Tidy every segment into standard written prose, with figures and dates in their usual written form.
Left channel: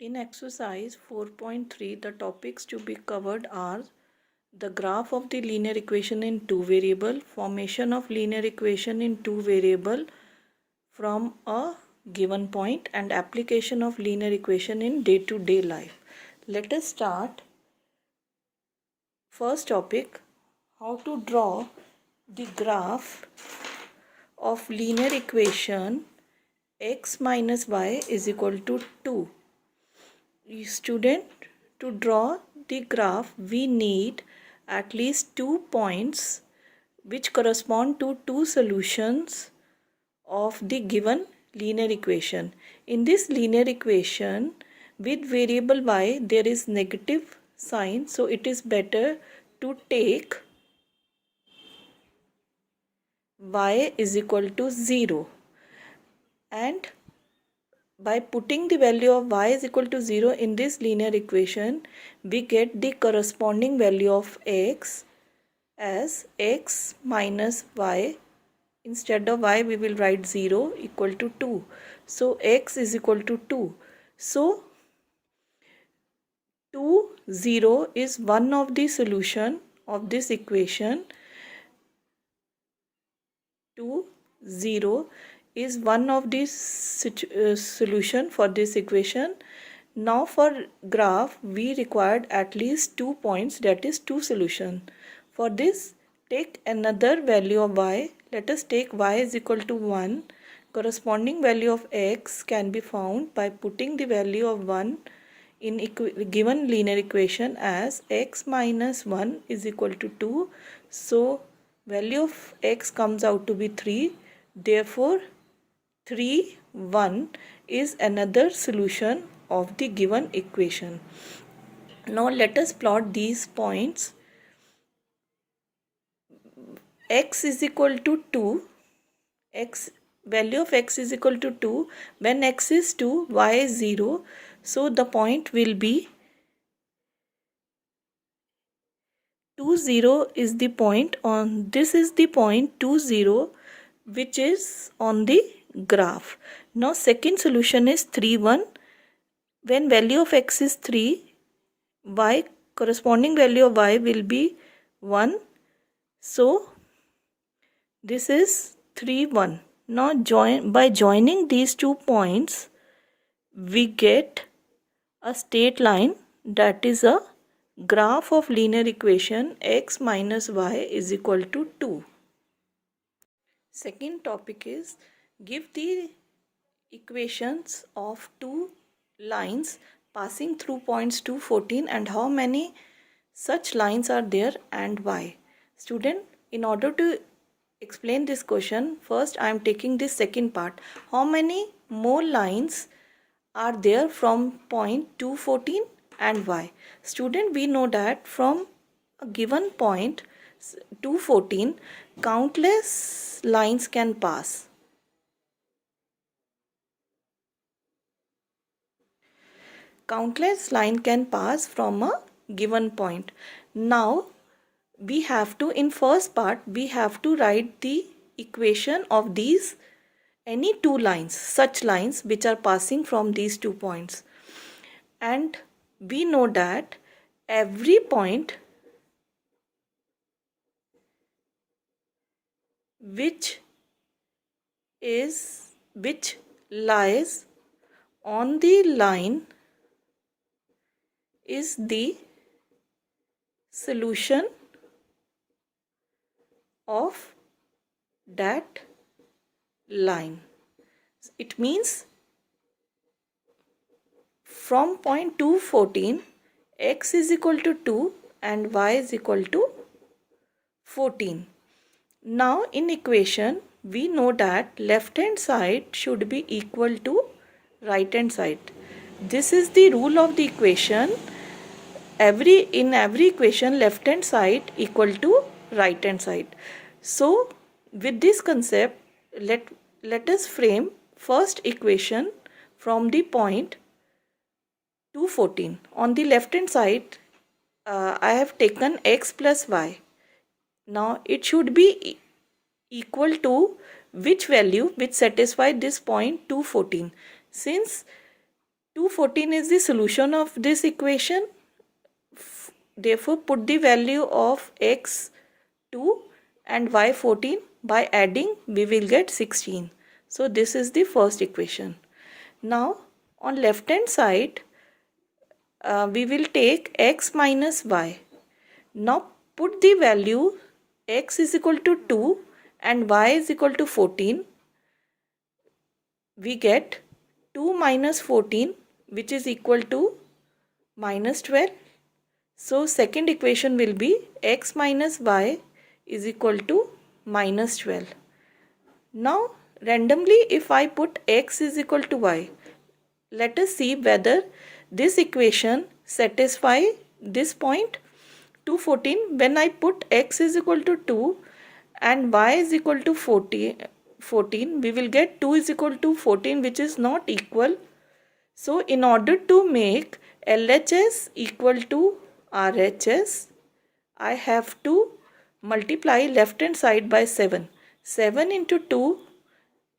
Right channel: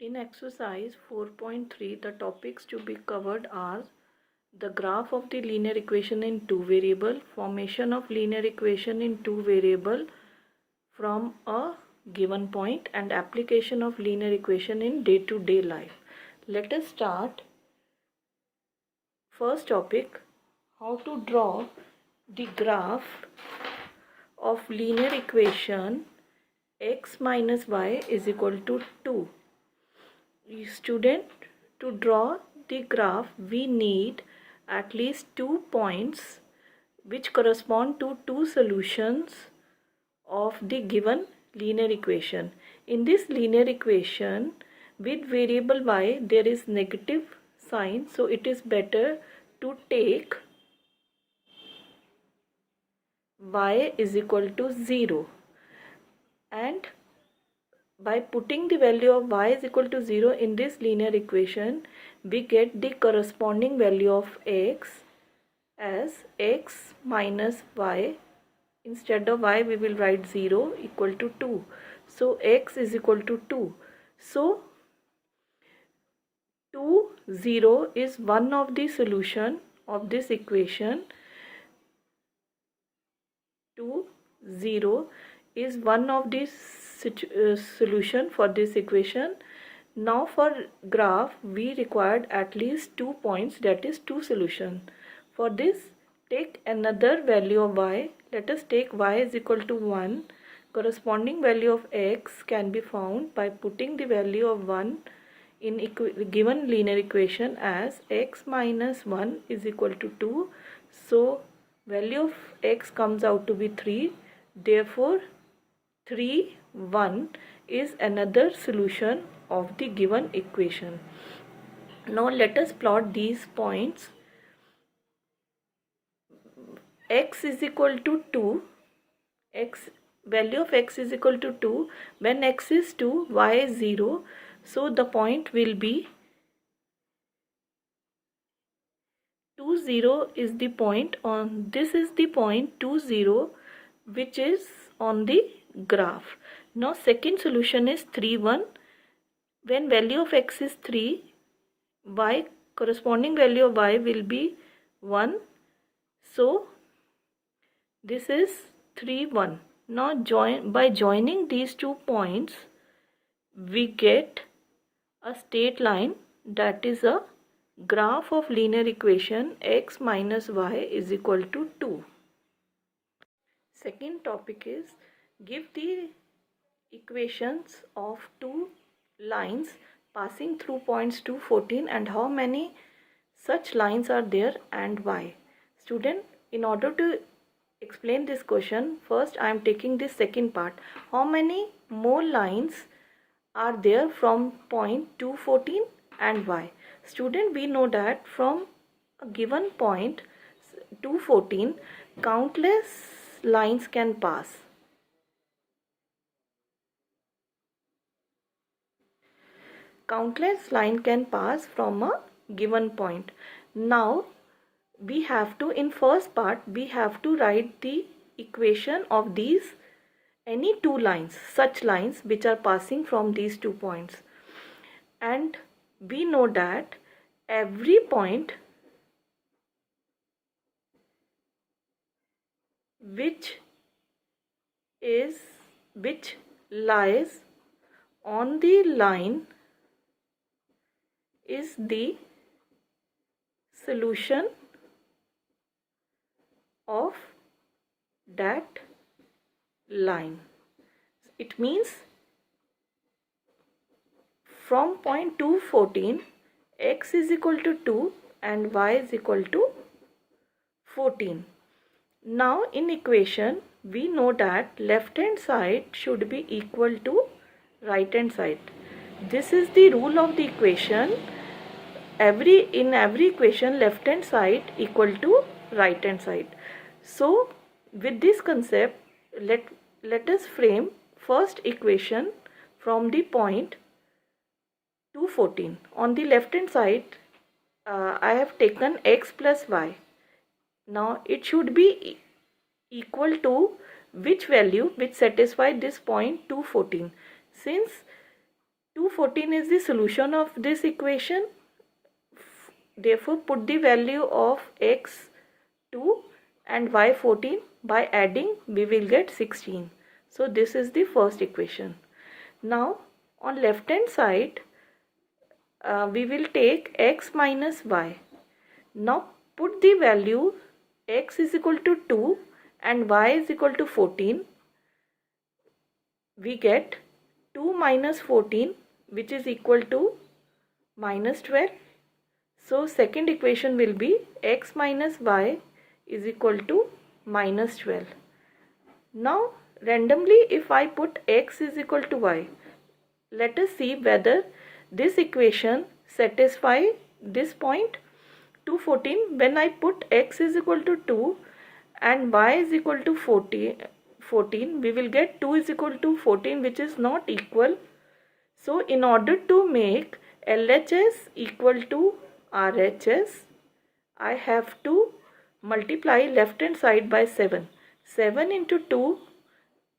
In exercise 4.3, the topics to be covered are the graph of the linear equation in two variable, formation of linear equation in two variable from a given point, and application of linear equation in day-to-day life. Let us start. First topic, how to draw the graph of linear equation x minus y is equal to 2. Student, to draw the graph we need at least 2 points which correspond to two solutions of the given linear equation. In this linear equation with variable y there is negative sign, so it is better to take y is equal to 0, and by putting the value of y is equal to 0 in this linear equation, we get the corresponding value of x as x minus y. Instead of y, we will write 0 equal to 2. So, x is equal to 2. So, 2, 0 is one of the solution of this equation. 2, 0 is one of the solution for this equation. Now for graph we required at least 2 points, that is 2 solution. For this take another value of y. Let us take y is equal to 1. Corresponding value of x can be found by putting the value of 1 in given linear equation as x minus 1 is equal to 2. So value of x comes out to be 3. Therefore 3, 1 is another solution of the given equation. Now let us plot these points. X is equal to 2. Value of x is equal to 2. When x is 2, y is 0. So the point will be 2, 0 is the point on, this is the point 2, 0 which is on the graph. Now second solution is 3, 1. When value of x is 3, y corresponding value of y will be 1. So this is 3, 1. Now by joining these 2 points we get a straight line, that is a graph of linear equation x minus y is equal to 2. Second topic is give the equations of two lines passing through points 2, 14 and how many such lines are there and why. Student, in order to explain this question, first I am taking this second part. How many more lines are there from point 2, 14 and why? Student, we know that from a given point 2, 14, countless lines can pass. Countless line can pass from a given point. Now we have to, in first part we have to write the equation of these any two lines, such lines which are passing from these 2 points, and we know that every point which lies on the line is the solution of that line. It means from point 2, 14, x is equal to 2 and y is equal to 14. Now in equation we know that left hand side should be equal to right hand side. This is the rule of the equation. In every equation left hand side equal to right hand side. So with this concept let us frame first equation from the point 2, 14. On the left hand side I have taken x plus y. Now it should be equal to which value which satisfy this point 2, 14. Since 2, 14 is the solution of this equation. Therefore, put the value of x 2 and y 14. By adding, we will get 16. So this is the first equation. Now on left hand side, we will take x minus y. Now put the value x is equal to 2 and y is equal to 14. We get 2 minus 14, which is equal to minus 12. So second equation will be x minus y is equal to minus 12. Now randomly, if I put x is equal to y, let us see whether this equation satisfy this point. 214, when I put x is equal to 2 and y is equal to 14, we will get 2 is equal to 14, which is not equal. So in order to make LHS equal to RHS, I have to multiply left hand side by 7. 7 into 2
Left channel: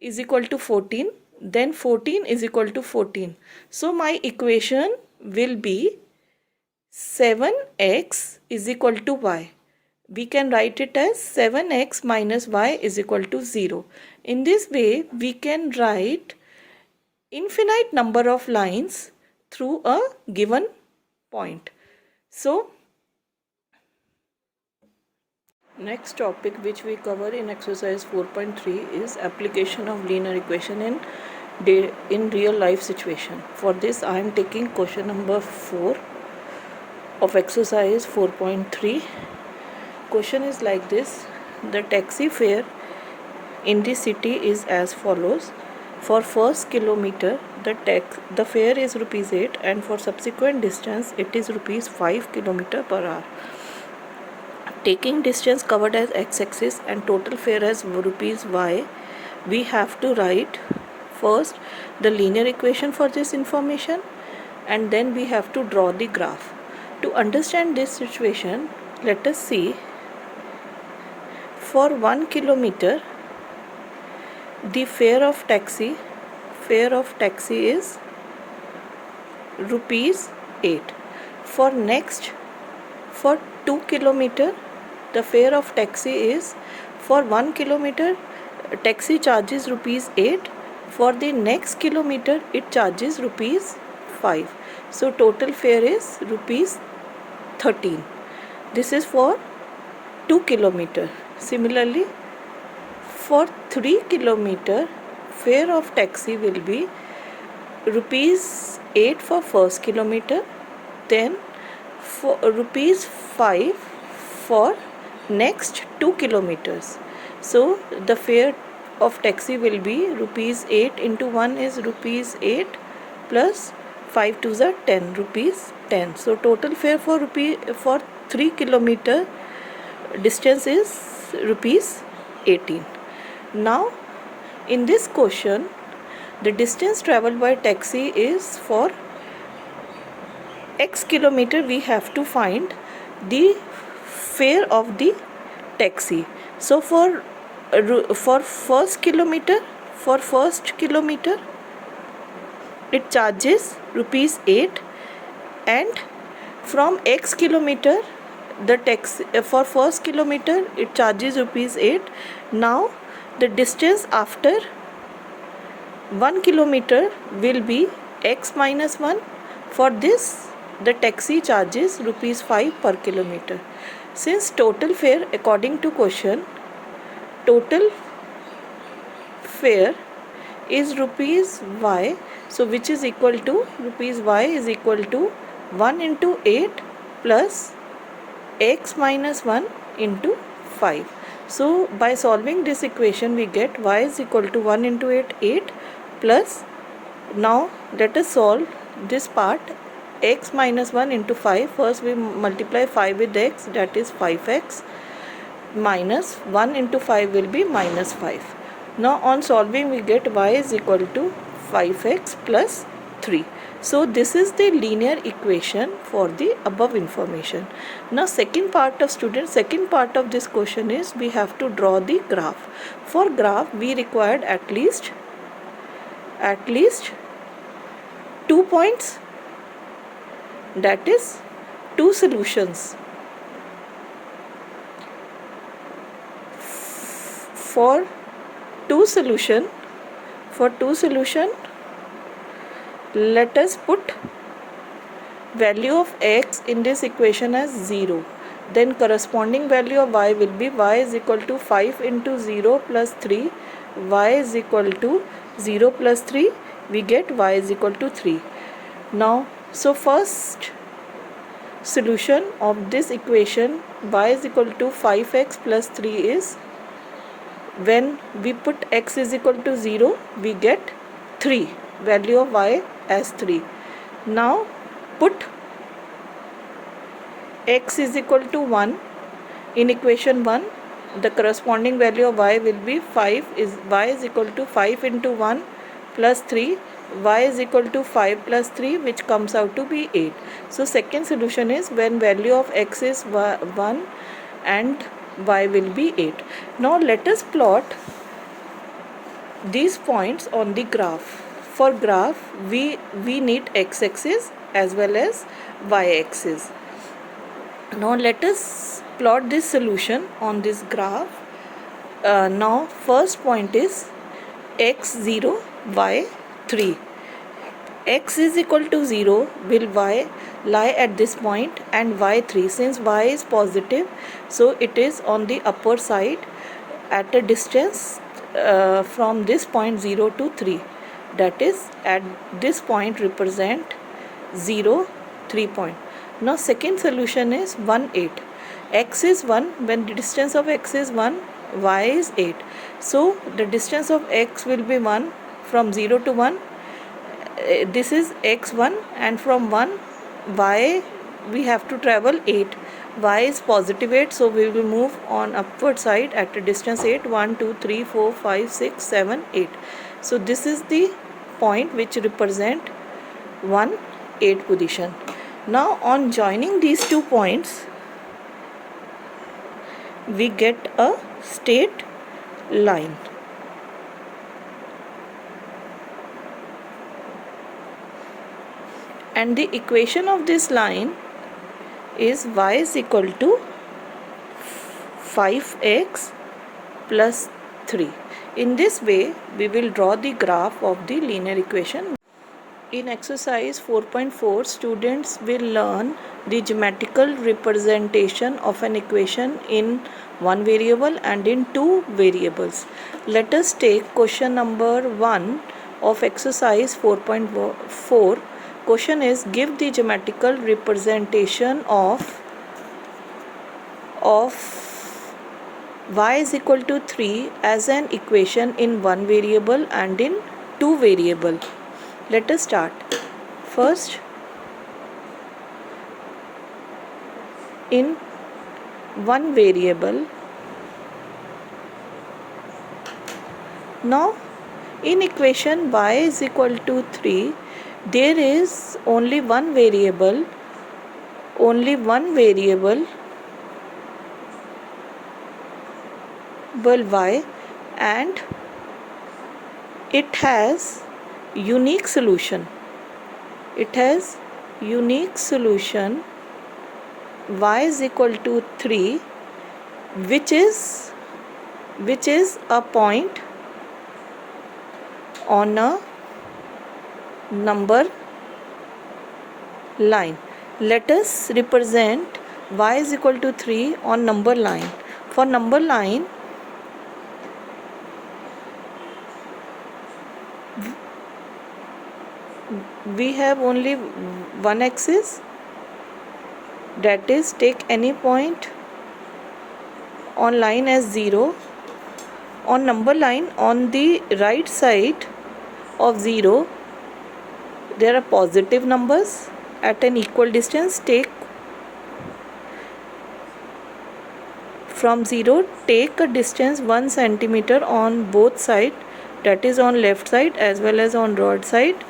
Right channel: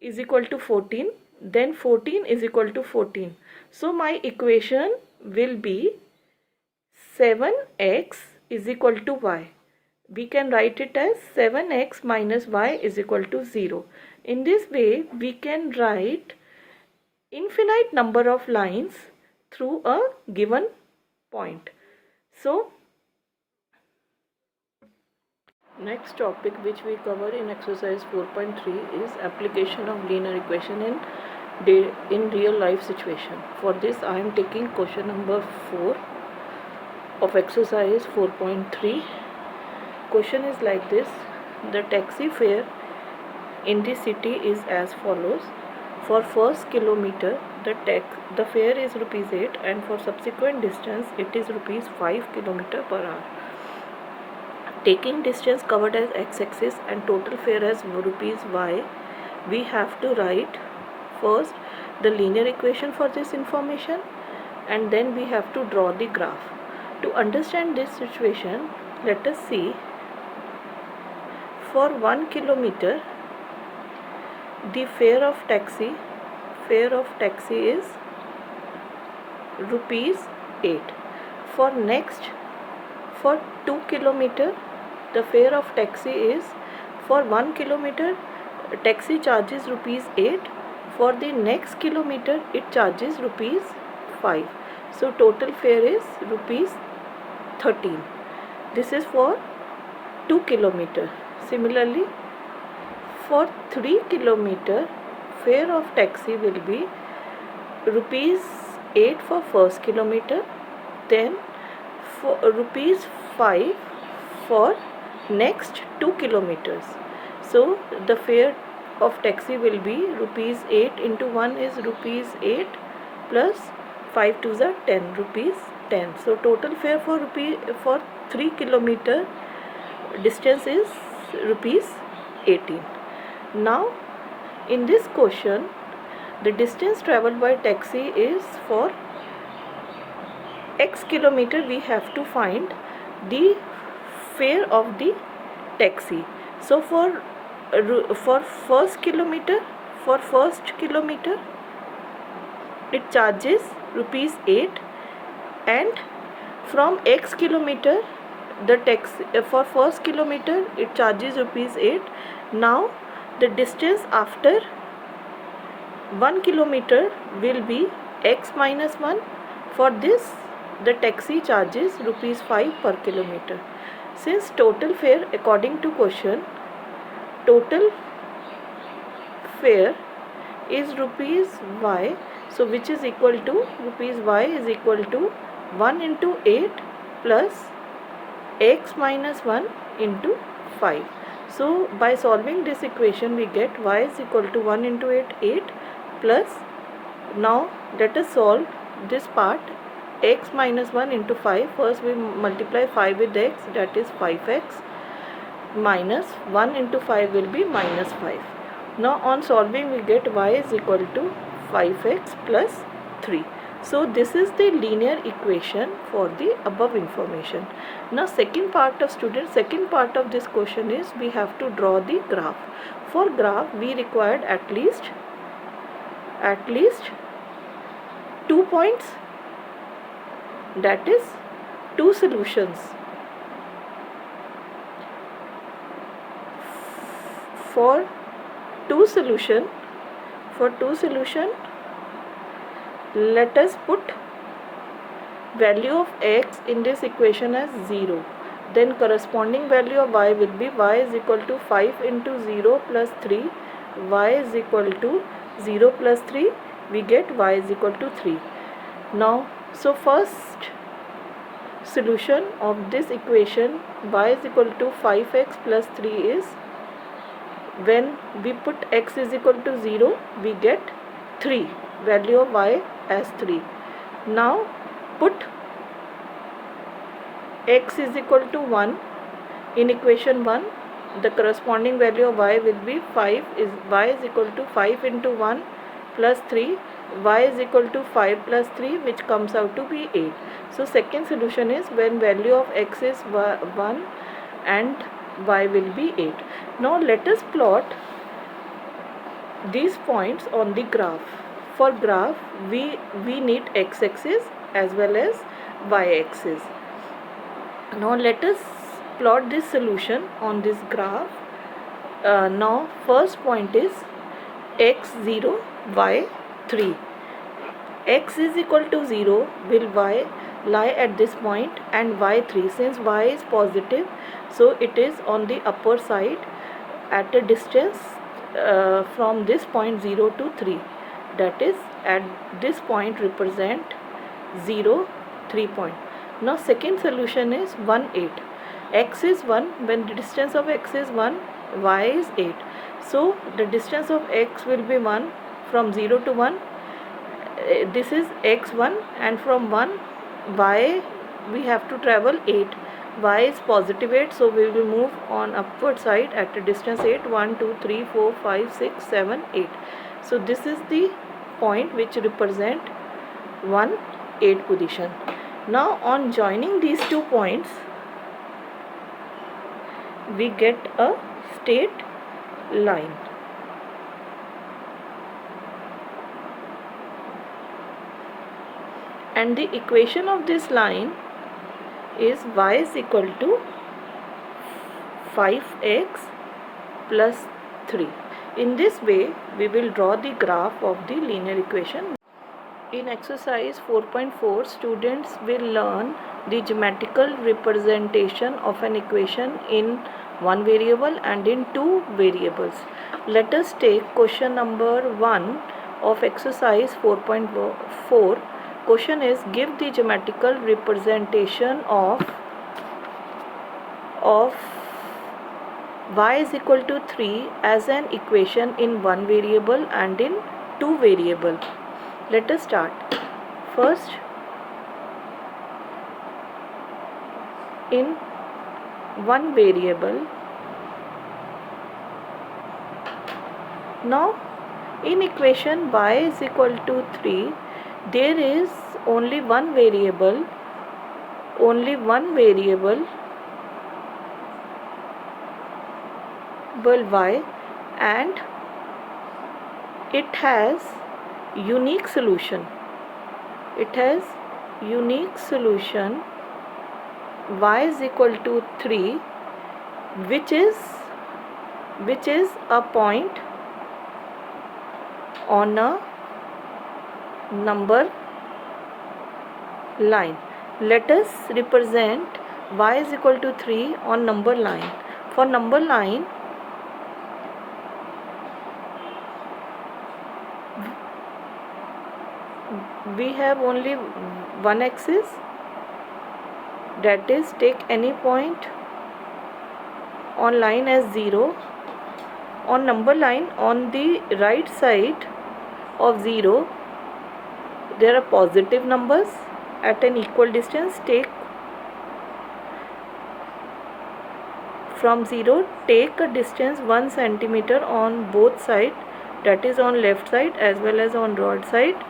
is equal to 14. Then 14 is equal to 14. So my equation will be 7x is equal to y. We can write it as 7x minus y is equal to 0. In this way, we can write infinite number of lines through a given point. So, next topic which we cover in exercise 4.3 is application of linear equation in real life situation. For this, I am taking question number 4 of exercise 4.3. Question is like this: the taxi fare in the city is as follows. For first kilometer, the fare is rupees 8, and for subsequent distance it is rupees 5 km/h. Taking distance covered as x-axis and total fare as rupees y, we have to write first the linear equation for this information, and then we have to draw the graph. To understand this situation, let us see. For 1 kilometer, the fare of taxi is rupees 8. For 2 kilometer, the fare of taxi is, for 1 kilometer, taxi charges rupees 8. For the next kilometer, it charges rupees 5. So total fare is rupees 13. This is for 2 kilometer. Similarly, for 3 kilometer, fare of taxi will be rupees 8 for first kilometer, then for rupees 5 for next 2 kilometers. So the fare of taxi will be rupees 8 into 1 is rupees 8 plus 5 to the 10, rupees 10. So total fare for 3 kilometer distance is rupees 18. Now in this question, the distance traveled by taxi is for x kilometer. We have to find the fare of the taxi. So for first kilometer, it charges rupees 8, and from x kilometer, the taxi for first kilometer it charges rupees 8. Now the distance after 1 kilometer will be x minus 1. For this, the taxi charges rupees 5 per kilometer. Since total fare, according to question, total fare is rupees y, so which is equal to rupees y is equal to 1 into 8 plus x minus 1 into 5. So by solving this equation, we get y is equal to 1 into 8 plus, now let us solve this part, x minus 1 into 5. First we multiply 5 with x, that is 5x, minus 1 into 5 will be minus 5. Now on solving, we get y is equal to 5x plus 3. So this is the linear equation for the above information. Now second part of this question is we have to draw the graph. For graph, we required at least 2 points, that is 2 solutions. For two solution, let us put value of x in this equation as 0. Then corresponding value of y will be y is equal to 5 into 0 plus 3. Y is equal to 0 plus 3. We get y is equal to 3. Now, so first solution of this equation y is equal to 5x plus 3 is, when we put x is equal to 0, we get 3. Value of y as 3. Now put x is equal to 1 in equation 1. The corresponding value of y will be 5. Y is equal to 5 into 1 plus 3. Y is equal to 5 plus 3, which comes out to be 8. So second solution is when value of x is 1 and y will be 8. Now let us plot these points on the graph. For graph, we need x-axis as well as y-axis. Now let us plot this solution on this graph. Now first point is x0, y3. X is equal to 0, will y lie at this point, and y3, since y is positive, so it is on the upper side at a distance from this point 0 to 3. That is, at this point represent 0, 3 point. Now second solution is 1, 8. X is 1, when the distance of x is 1, y is 8. So the distance of x will be 1 from 0 to 1. This is x1, and from 1 y we have to travel 8. Y is positive 8, so we will move on upward side at a distance 8. 1, 2, 3, 4, 5, 6, 7, 8. So this is the point which represent 1, 8 position. Now on joining these 2 points, we get a straight line. And the equation of this line is y is equal to 5x plus 3. In this way, we will draw the graph of the linear equation. In exercise 4.4, students will learn the geometrical representation of an equation in one variable and in two variables. Let us take question number 1 of exercise 4.4. Question is, give the geometrical representation of y is equal to 3 as an equation in one variable and in two variable. Let us start. First, in one variable. Now in equation y is equal to 3, there is only one variable y, and it has unique solution. Y is equal to 3, which is a point on a number line. Let us represent y is equal to 3 on number line. For number line, we have only one axis, that is, take any point on line as 0. On number line, on the right side of 0, there are positive numbers at an equal distance. Take from 0, take a distance 1 centimeter on both sides, that is on left side as well as on right side,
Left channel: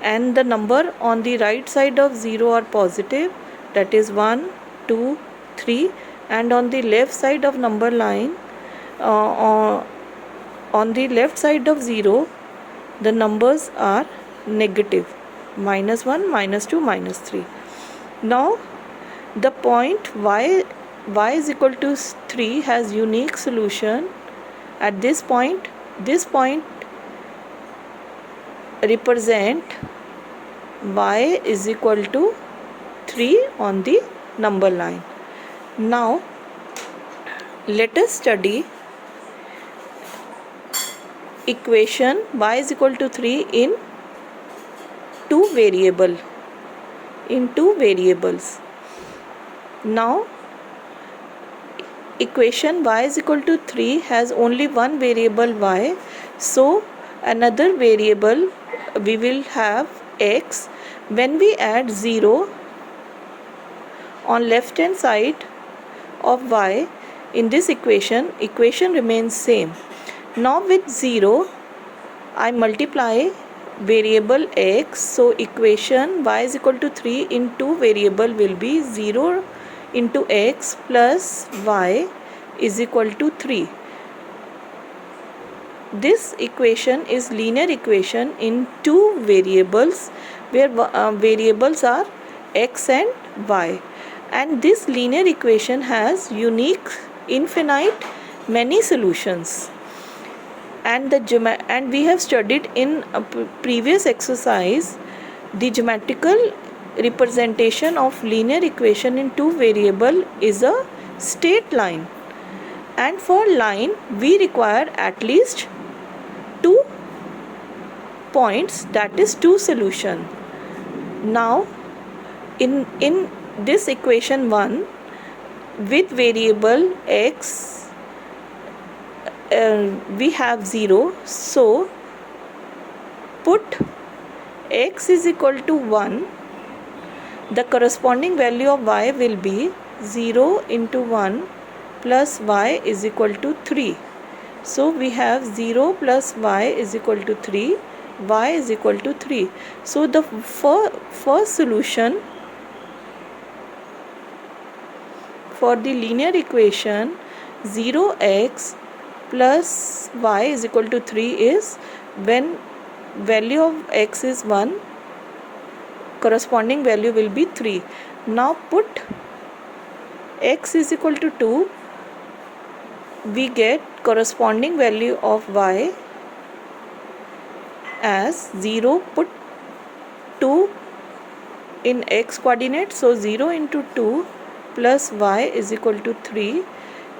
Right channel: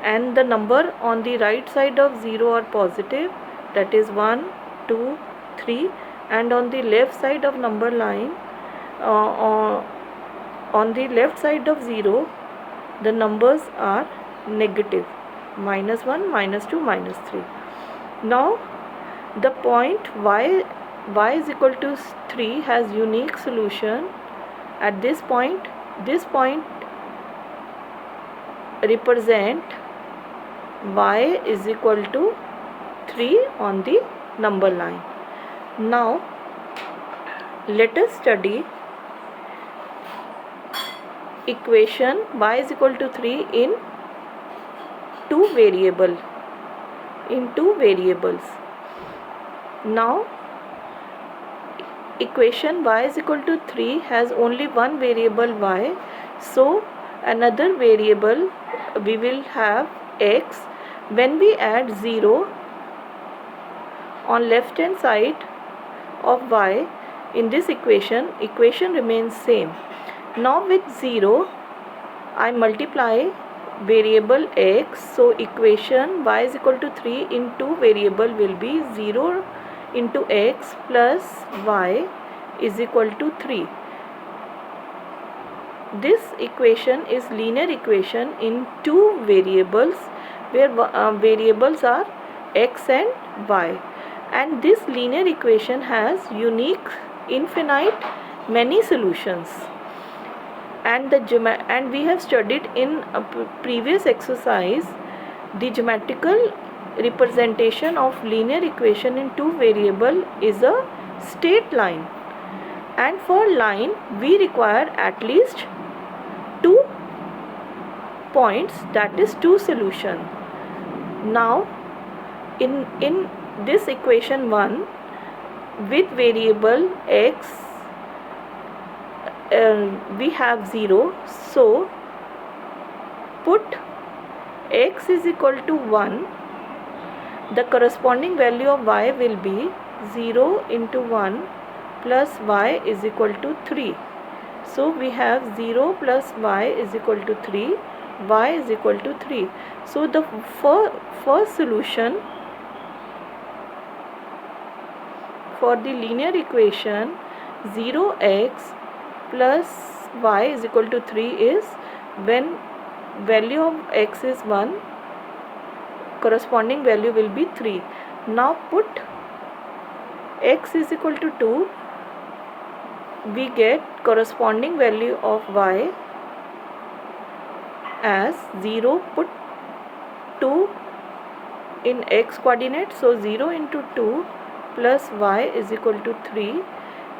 and the number on the right side of 0 are positive, that is 1, 2, 3, and on the left side of number line, on the left side of 0, the numbers are negative, minus 1, minus 2, minus 3. Now the point y is equal to 3 has unique solution at this point. This point represent y is equal to 3 on the number line. Now let us study equation y is equal to 3 in two variables. Now equation y is equal to 3 has only one variable y, so another variable we will have x. When we add 0 on left hand side of y in this equation remains same. Now with 0 I multiply variable x, so equation y is equal to 3 in two variable will be 0 into x plus y is equal to 3. This equation is linear equation in two variables where variables are x and y, and this linear equation has unique infinite many solutions. And we have studied in a previous exercise the geometrical representation of linear equation in two variable is a straight line, and for line we require at least 2 points, that is 2 solution. Now in this equation 1 with variable x we have 0, so put x is equal to 1, the corresponding value of y will be 0 into 1 plus y is equal to 3. So we have 0 plus y is equal to 3, y is equal to 3. So the first solution for the linear equation 0x plus y is equal to 3 is when value of x is 1, corresponding value will be 3. Now put x is equal to 2, we get corresponding value of y as 0, put 2 in x coordinate, so 0 into 2 plus y is equal to 3,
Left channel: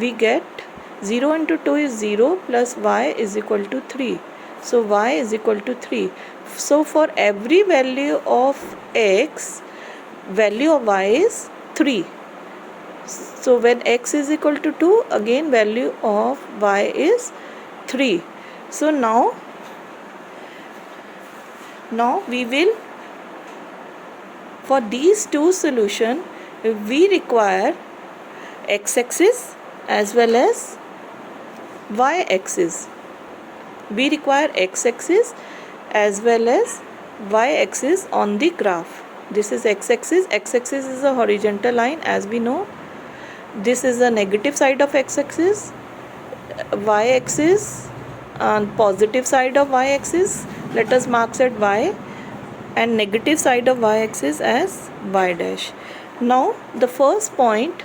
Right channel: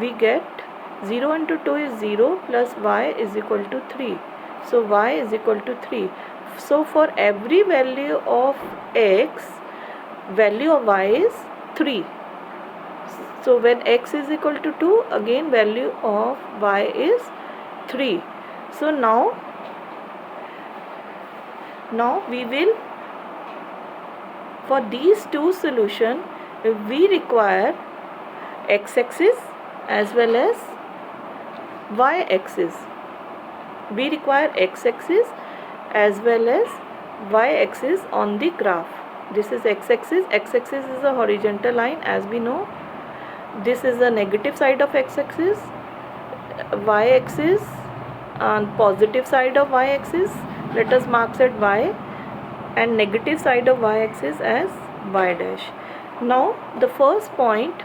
we get 0 into 2 is 0 plus y is equal to 3, so y is equal to 3. So for every value of x, value of y is 3. So when x is equal to 2, again value of y is 3. So now we will, for these two solution we require x-axis as well as y-axis. We require x-axis as well as y-axis on the graph. This is x-axis. X-axis is a horizontal line, as we know. This is the negative side of x-axis. Y-axis and positive side of y-axis, let us mark at y, and negative side of y-axis as y dash. Now the first point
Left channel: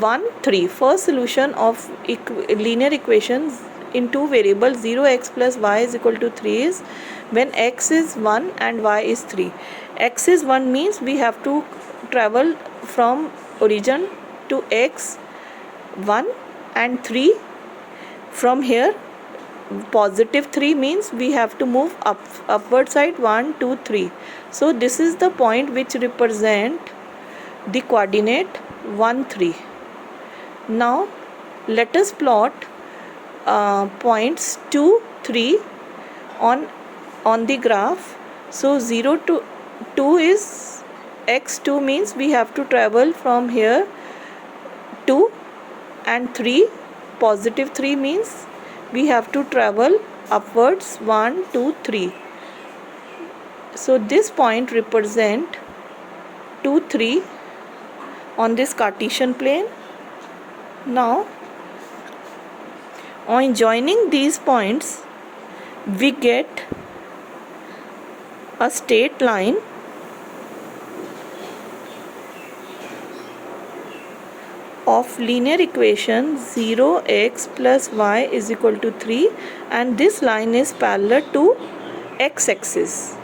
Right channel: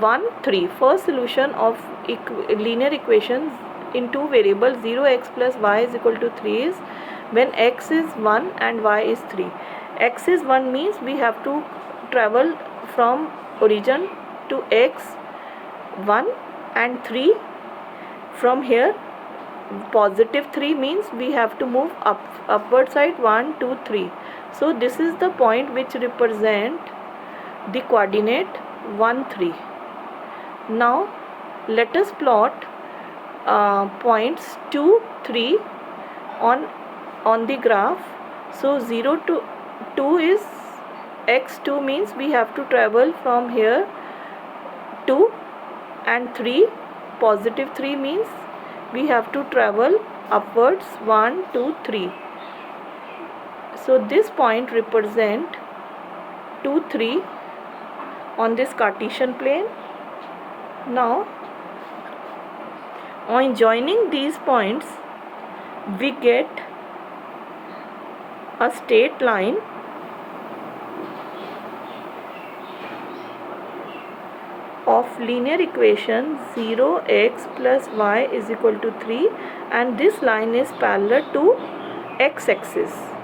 1, 3, first solution of linear equations in two variables 0x plus y is equal to 3 is when x is 1 and y is 3. X is 1 means we have to travel from origin to x 1 and 3. From here positive 3 means we have to move upward side 1, 2, 3. So this is the point which represent the coordinate 1, 3. Now let us plot points 2, 3 on the graph. So 0 to 2 is x2 means we have to travel from here 2, and 3 positive 3 means we have to travel upwards 1, 2, 3. So this point represent 2, 3 on this Cartesian plane. Now on joining these points we get a straight line of linear equation 0x plus y is equal to 3, and this line is parallel to x-axis.